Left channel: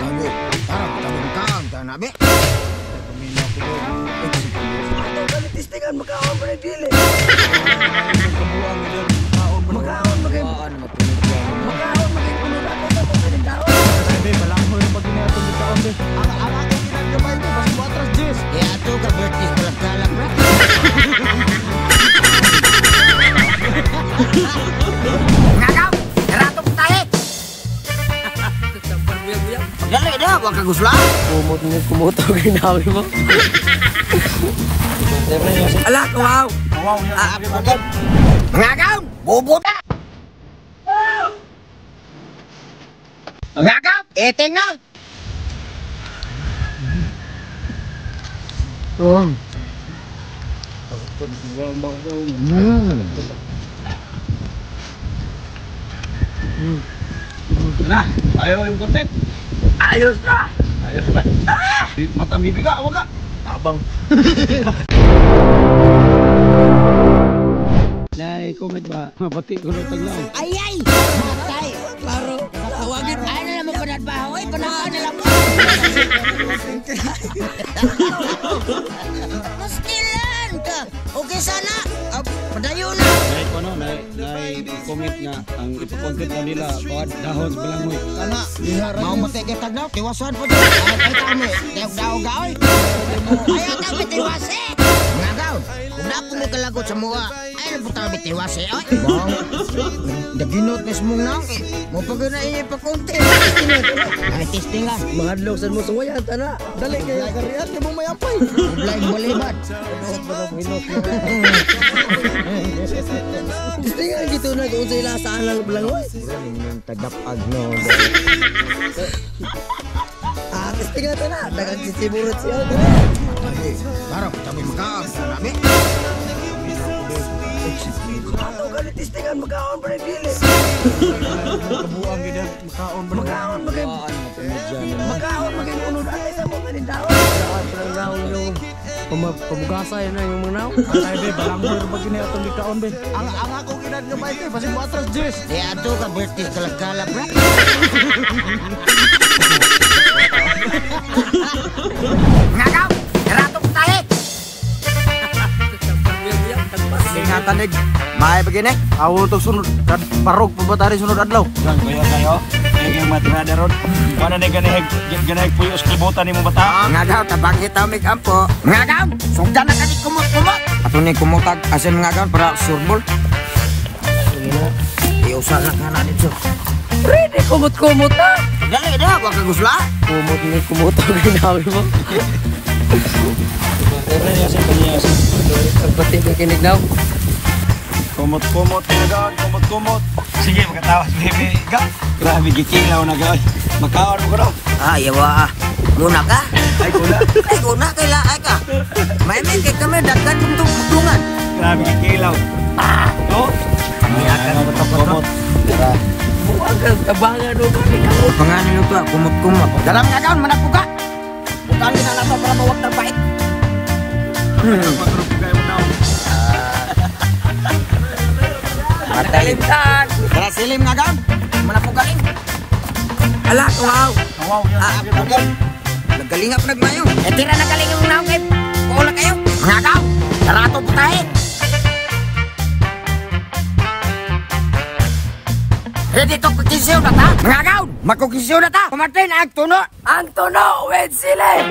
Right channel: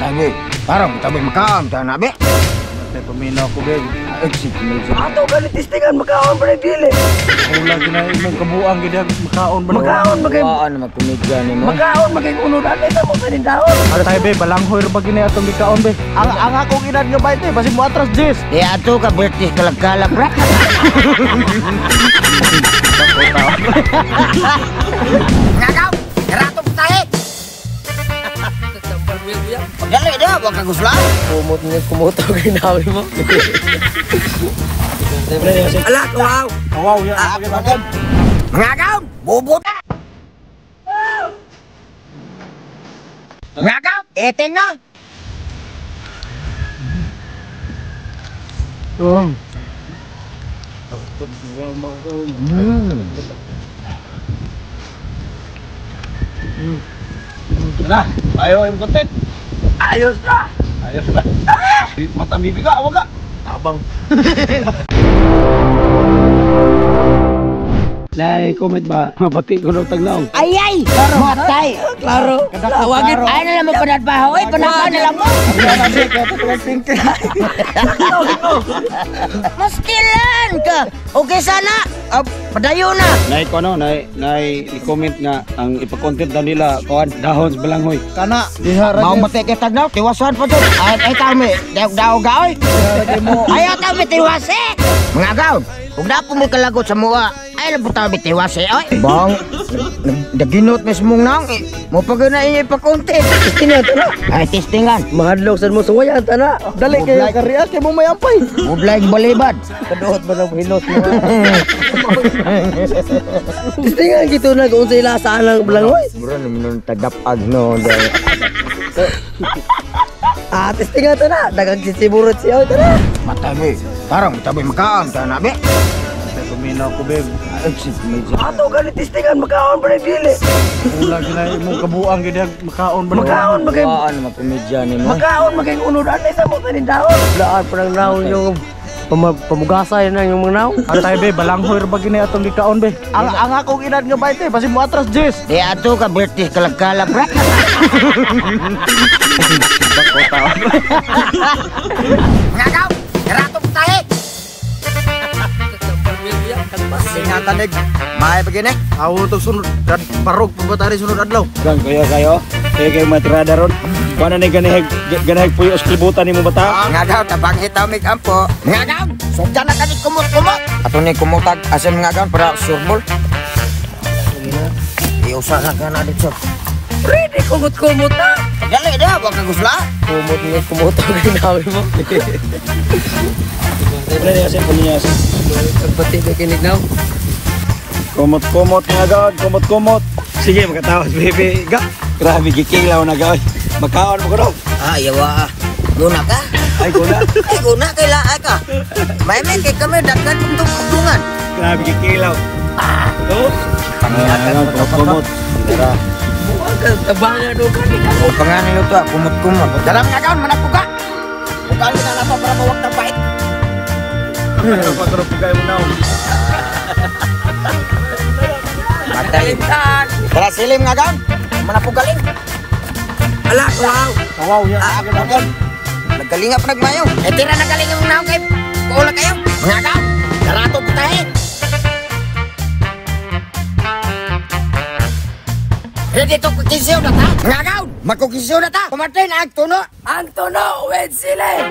Tabi, parang tabi makaon ta na be. Ay paminaw ko be. Exit mo. Ato galit tistingan makaon pa ng dili. Wala ginahin ng kabuang gid makaon ba. Makaon magay. Ano magkumidyan mo? Makaon magay unod ano ito mo sa taon. Ano tayo be, balanghoy ra ba gini atong gikaon be. Ang akong inad nga ba be, basi mo atras Jess. Eh ato ka British kalagkalak ra. Ngagaw, rato tayo. Dali dah, wag ka gusla. Kumot ni kumuto ginawi mo. Ala, wow. Wow, yan. Ngagaw, bubot. Ngagaw, ete na. Na, ayo yung content. Ayos na. Ayos na. Matamibi ka, wag ka. Tabang. Lai, comment ba? Mabati ko daw taglaw. Ay, matay. Klaro. Tawagin. Ay na lang mo panadbaho. Ay, panadbaho na lang mo. Maskilan ka. Okay sana. Padayo na. Nay ko ano, nay i-comment nga ang ipa-content daw nila kuan dahon sa balanghoy. Kana dihara. Mau mati kay taglaw, tiwasan pa dun. Ay tami, daog gaoy. Ayaw tami tiwase. Mga gaon, kung na po may kalagot sa mua, ay na po tami tiwase. Ay, bang, naginot mismong nang. Mo pa gana inyo ipa-content. Testingan ito na. Ay, testingan. Mahadlok sa mo suwayan tana. Dali kay kariya kay mo mayampay. Mublaig balibad. Kaduot ba ng hinot mo? Tistingan gitu na kung sila saan ang balanghoy. Bro, naman tagapag no. Tistingan to na. Dagang sisiburot siya to na. Matabi, parang tabi makaon ta na be. Ay paminaw ko be. Exit mo. Ato galit tistingan makaon pa ng dili. Wala ginahin ng kabuang gid makaon ba. Makaon magay. Ano magkumidyan mo? Makaon magay unod ano ito mo sa taon. Daan pa ng naon yung pamugasay na yung mga naon. Ano tayo be, balanghoy ra ba gini atong gikaon be. Ang akong inad nga ba be, basi mo atras Jess. Eh ato ka British kalagkalak ra. Ngagaw, rato tayo. Sinatanig. May begini. Awo to sunod kad parog pabatari sunod adlaw. Gang kayo. Kaya matrada ron. Wala na ganay po yung skributan ni mo bata. Ngagaw, tabang hitaw mig ampo. Ngagaw, sugdan na kani kumot-kumot. Ato ni kumutag asin ngagaw para surbol. Iusaha ka na dito. Pwede kumot-kumot na. Dali dah, wag ka gusla. Kumot ni kumuto ginawi mo. Pagpati ko kinig na. Kumot-kumot nga gawad, kumot-kumot. Sige, magkatawas bebe. Grabe kikilaw na gawad. Makaon mo ko daw. Yawa. Guna ka? Ay, kuna. Ay, guna kailangan ka. May kay kami dagdag itong kudungan. Grabe kikilaw. Kami akan kumot-kumot. Tabangan do ka ni ka. Pangalan ito, kumot-kumot. Dalam nga daon, manak buka. Bukali na lama para mawag na bait. Pagkarap kayo mo na. Matay. Tara silim nga daon. Manak bukalin. Ala, wow. Wow, yan. Ako na yan. Nagkalinga pa nagmayo. Tira na kalinga ng naong kayo. Kuula kayo. Mga daon. Tarato po tayo. Dito kukisiw na ta. Mga daon. Magkukisiw na ta. Kumatay na ang tuno. Ang tono, wed silim.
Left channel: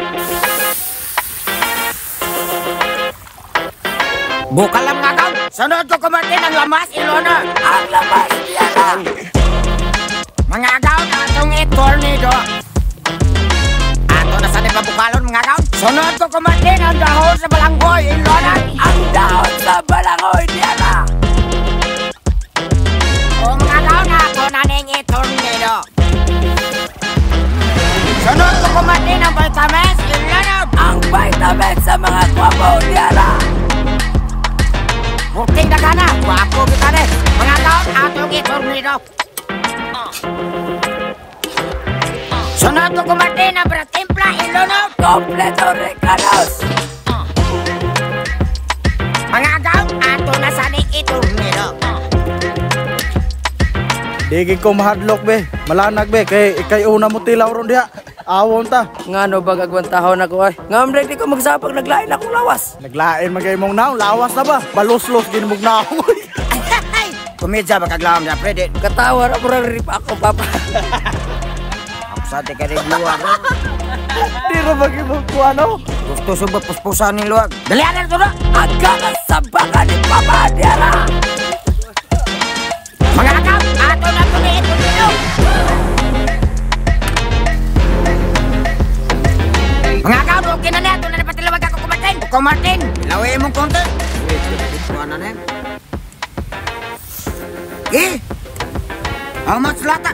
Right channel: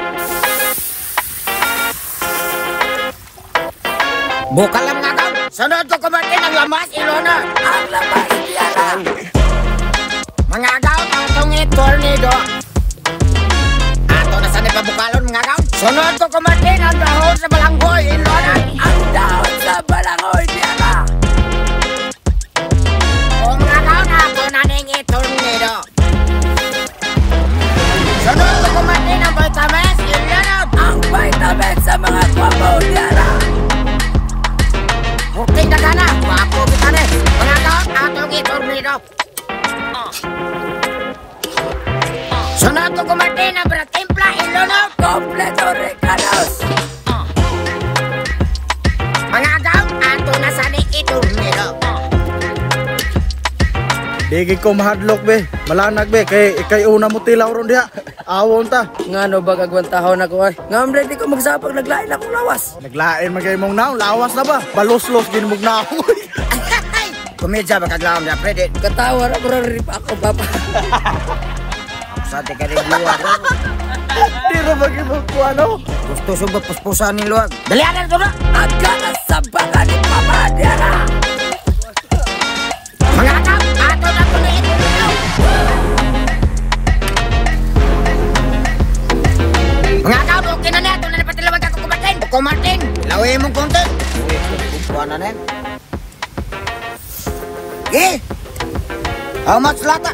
Buka lang nga daw. Sunod ko kumatin ang lamas, ilona. Ang lamas yan. Mga daw, atong tornado. Ato na sa nipabukalon, mga daw. Sunod ko kumatin ang dahon sa balanggoy, ilona. Ang dahon sa balanghoy niya na. O mga daw na ako na ning tornado. Sunod ko kumatin ang vitamins, ilona. Ang vitamins sa mga kwabaw niya na. Buking na gana, wako vitamins. Mga daw, atong tornado. Sunod ko kumatin ang bratimpla, ilona. Kompleto regalos. Mga daw, ato na sa ning tornado. Bigi ko mahadlok be. Malanag be. Kay una mo tilaw ron diha. Awon ta. Nga no ba kagwantahon ako ay. Nga mo di ko magsabag naglain akong lawas. Naglain magay mong naw, lawas na ba? Balos-los din mong naw. Kumidya magkaglaom niya, Freddy. Katawa na bro rip ako papa. Sa te ka rin luwag. Hindi ko mag-ibang ko ano. Gusto subot puspusan ni luwag. Dalianan ko na! Agala sa bala ni papa Adela. Mga kakaw, ato na kulit! Mga kakaw, okay na niya. Ito na napatilawag ako kumartin. Kumartin, lawin mong konti. Buwan na niya. Eh! How much lata?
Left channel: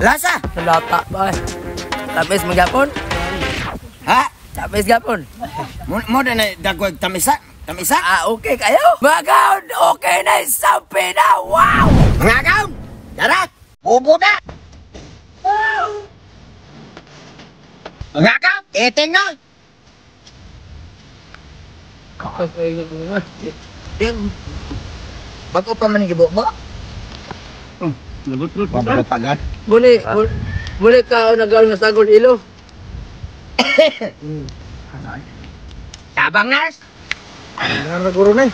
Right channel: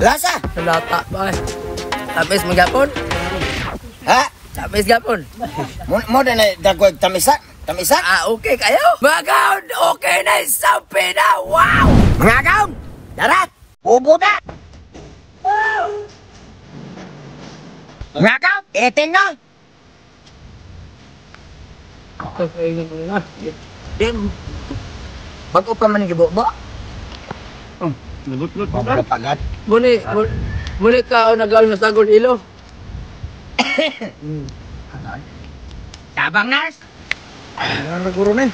Lasa? Lata ba eh. Tapis magyapon. Ha? Tapis gyapon. Mo na dagwag tamisak? Tamisak? Ah, okay kayo? Mga gaon, okay na isang pina. Wow! Mga kakaw, tara! Upo na! Mga kakaw, eting nga! Ding, bago pa man igibo mo? Lubot-lubot. Pagkatagan. Muli ka nag-aal na sagol ilo. Tabang nars! Naguro na eh.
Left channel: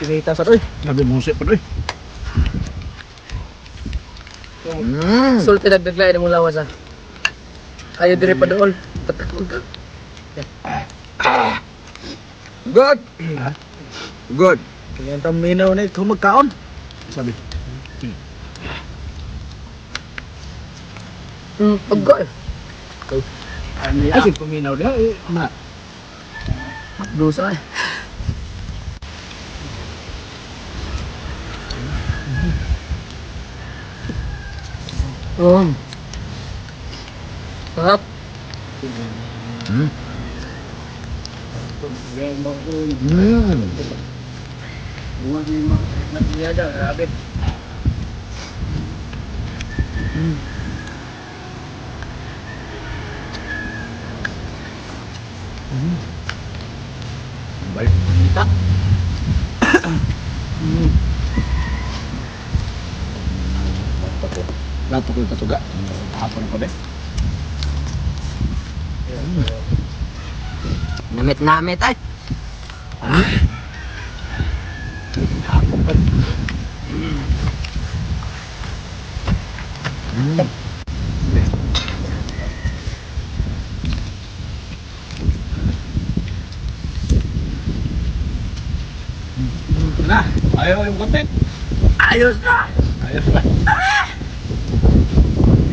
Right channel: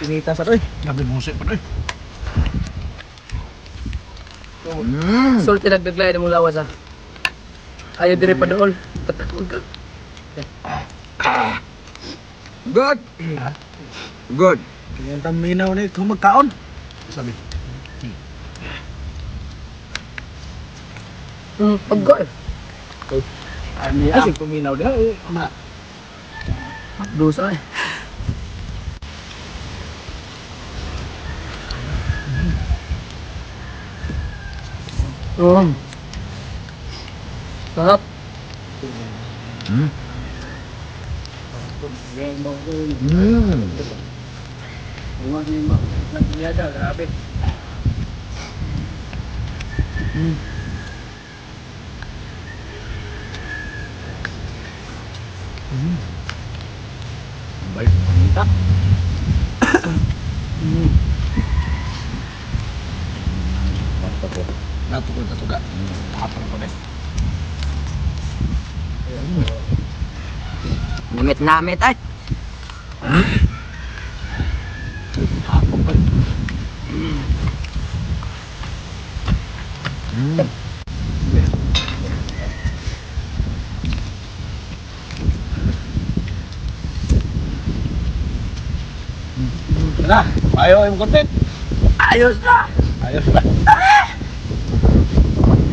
Pinita sa to eh. Gabi musik pa to eh. Sulti nagbiglain mo lawas ah. Ayaw diri pa doon. Tatakog ka. Good! Good! Kaya taminaw na ito magkaon. Sabi. Pagka eh. Ano yan? Paminaw na. Dosa eh. Sarap. Baik. Dapat ko tuga. Hapon pa din. Namit-namit ay! Hapon pa. Na, ayaw yung content. Ayos na! Ayos na.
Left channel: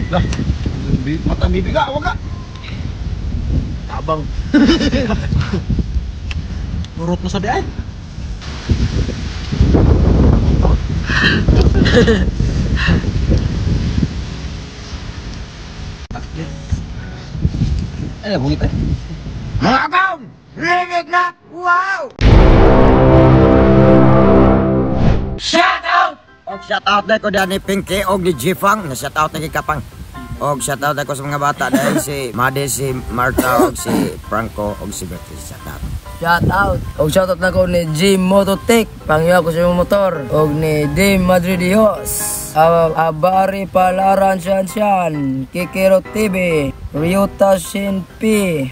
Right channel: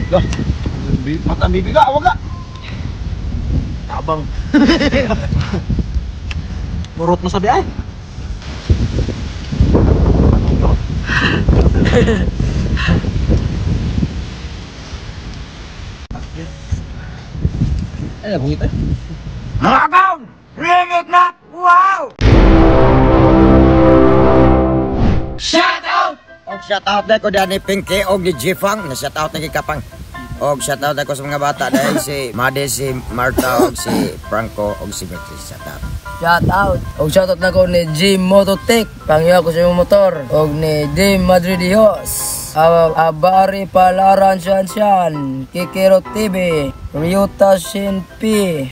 Loh, mata bibiga, wag ka. Tabang. Murot mo sabi ay. Ay, bungit ay. Mga kakaw! Rinig na! Wow! Shout out! Og shout out na ko dyan ni Pinky og ni Jifang. Shout out na kikapang. Og shout out na ko sa mga bata dahil si Made, si Marta, og si Franco, og si Bertie. Shout out. Shout out. Og shout out na ko ni Jim Mototech. Pangyaw ko sa motor. Og ni Dame Madridios. Abari Palaran Sian Kikiro TV, Ryuta Shin P,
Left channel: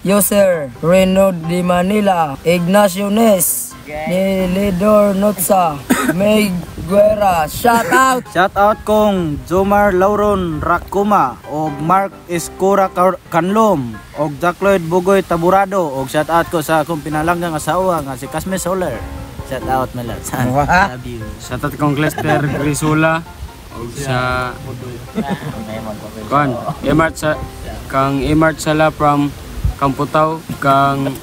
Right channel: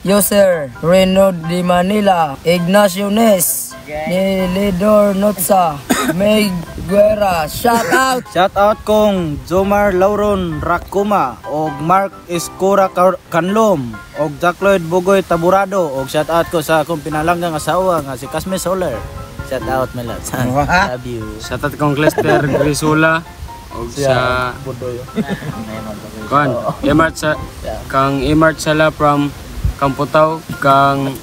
User Reno Di Manila, Ignacio Nes, Nilidor Notsa, Meg Guerra. Shout out! Shout out kong Jomar Lauron Rakuma og Mark Escura Kanlom og Jack Lloyd Bugoy Taburado og shout out ko sa akong pinalanggang asawa nga si Casme Soler. Shout out na lahat. Love you. Shout out kong Lester Grisula og sa Emart sa kang Emart Sala from Kamputaw, kang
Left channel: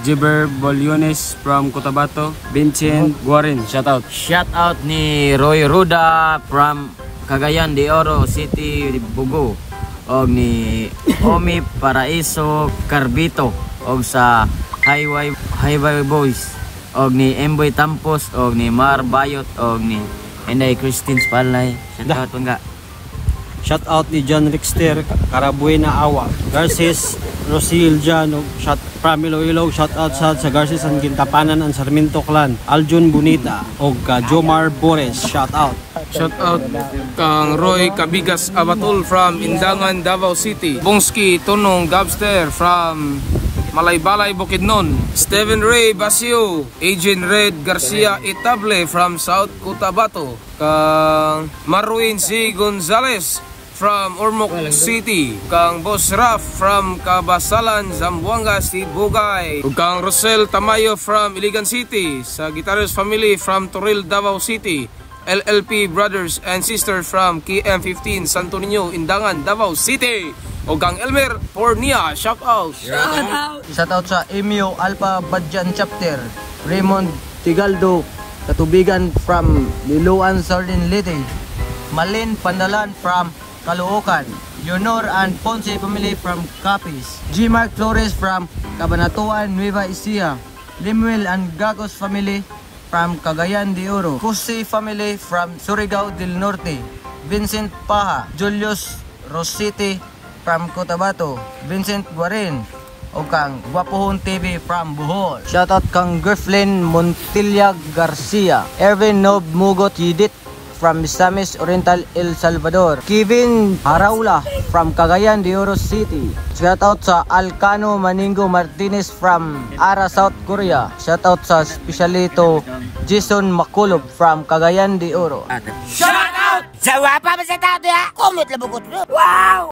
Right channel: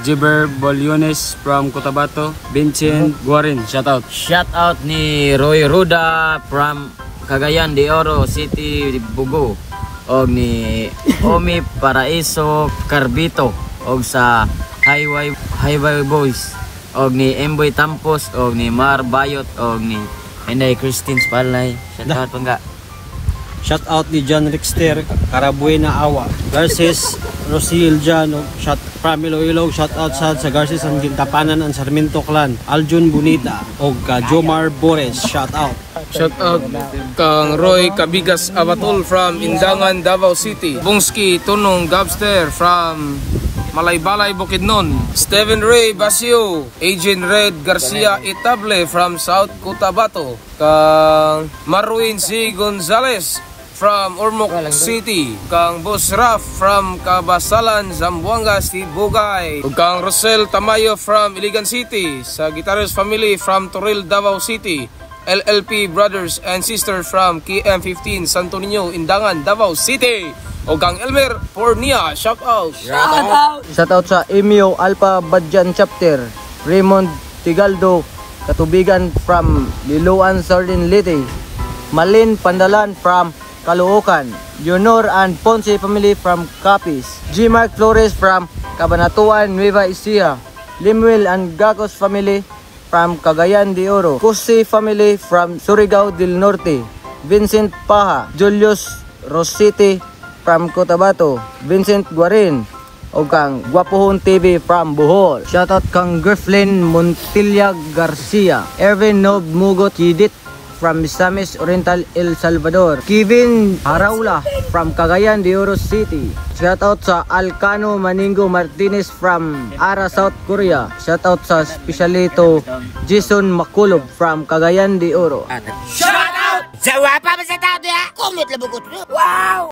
Jiber Boliones from Cotabato, Vincent Guarin, shout out. Shout out ni Roy Ruda from Cagayan de Oro City, Bugo, og ni Omi Paraiso Carbito, og sa Highway Boys, og ni Emboy Tampos, og ni Mar Bayot, og ni Inday Christine Spalay. Shout out pangga. Shout out ni John Rickster Carabuena Awa, Garces Rosiel Jan, shout from Iloilo, shout out sa Garces ang Gintapanan ang Sarmiento Clan, Aljun Bonita og Jomar Bores, shout out. Shout out kang Roy Cabigas Abatol from Indangan, Davao City. Bongski Tunong Gabster from Malaybalay, Bukidnon. Steven Ray Basio, Agent Red Garcia Itable from South Cotabato. Kang Marwin C. Gonzalez from Ormoc City. Kang Boss Raf from Kabasalan, Zamboanga, Bugay. Ug kang Rosel Tamayo from Iligan City. Sa Guitarist Family from Toril, Davao City. LLP Brothers and Sisters from KM15 Santo Niño, Indangan, Davao City. O kang Elmer Pornia, shout out. Shout out sa Emio Alpha Badjan Chapter, Raymond Tigaldo Katubigan from Liluan Sardin Liti, Malin Pandalan from Caloocan, Junior and Ponce family from Capiz, G. Mark Flores from Cabanatuan, Nueva Ecija, Limuel and Gagos family from Cagayan de Oro, Cusi family from Surigao del Norte, Vincent Paha, Julius Rositi from Cotabato, Vincent Guarin, o kang Guapohon TV from Bohol. Shoutout kang Grifflin Montilla Garcia, Erwin Nob Mugot Hidit from Misamis Oriental, El Salvador, Kevin Haraula from Cagayan de Oro City. Shoutout sa Alcano Maningo Martinez from Ara, South Korea. Shoutout sa Specialito Jason Makulob from Cagayan de Oro. Shoutout! Sa wapa ba sa tao niya? Comment lang bukot. Wow!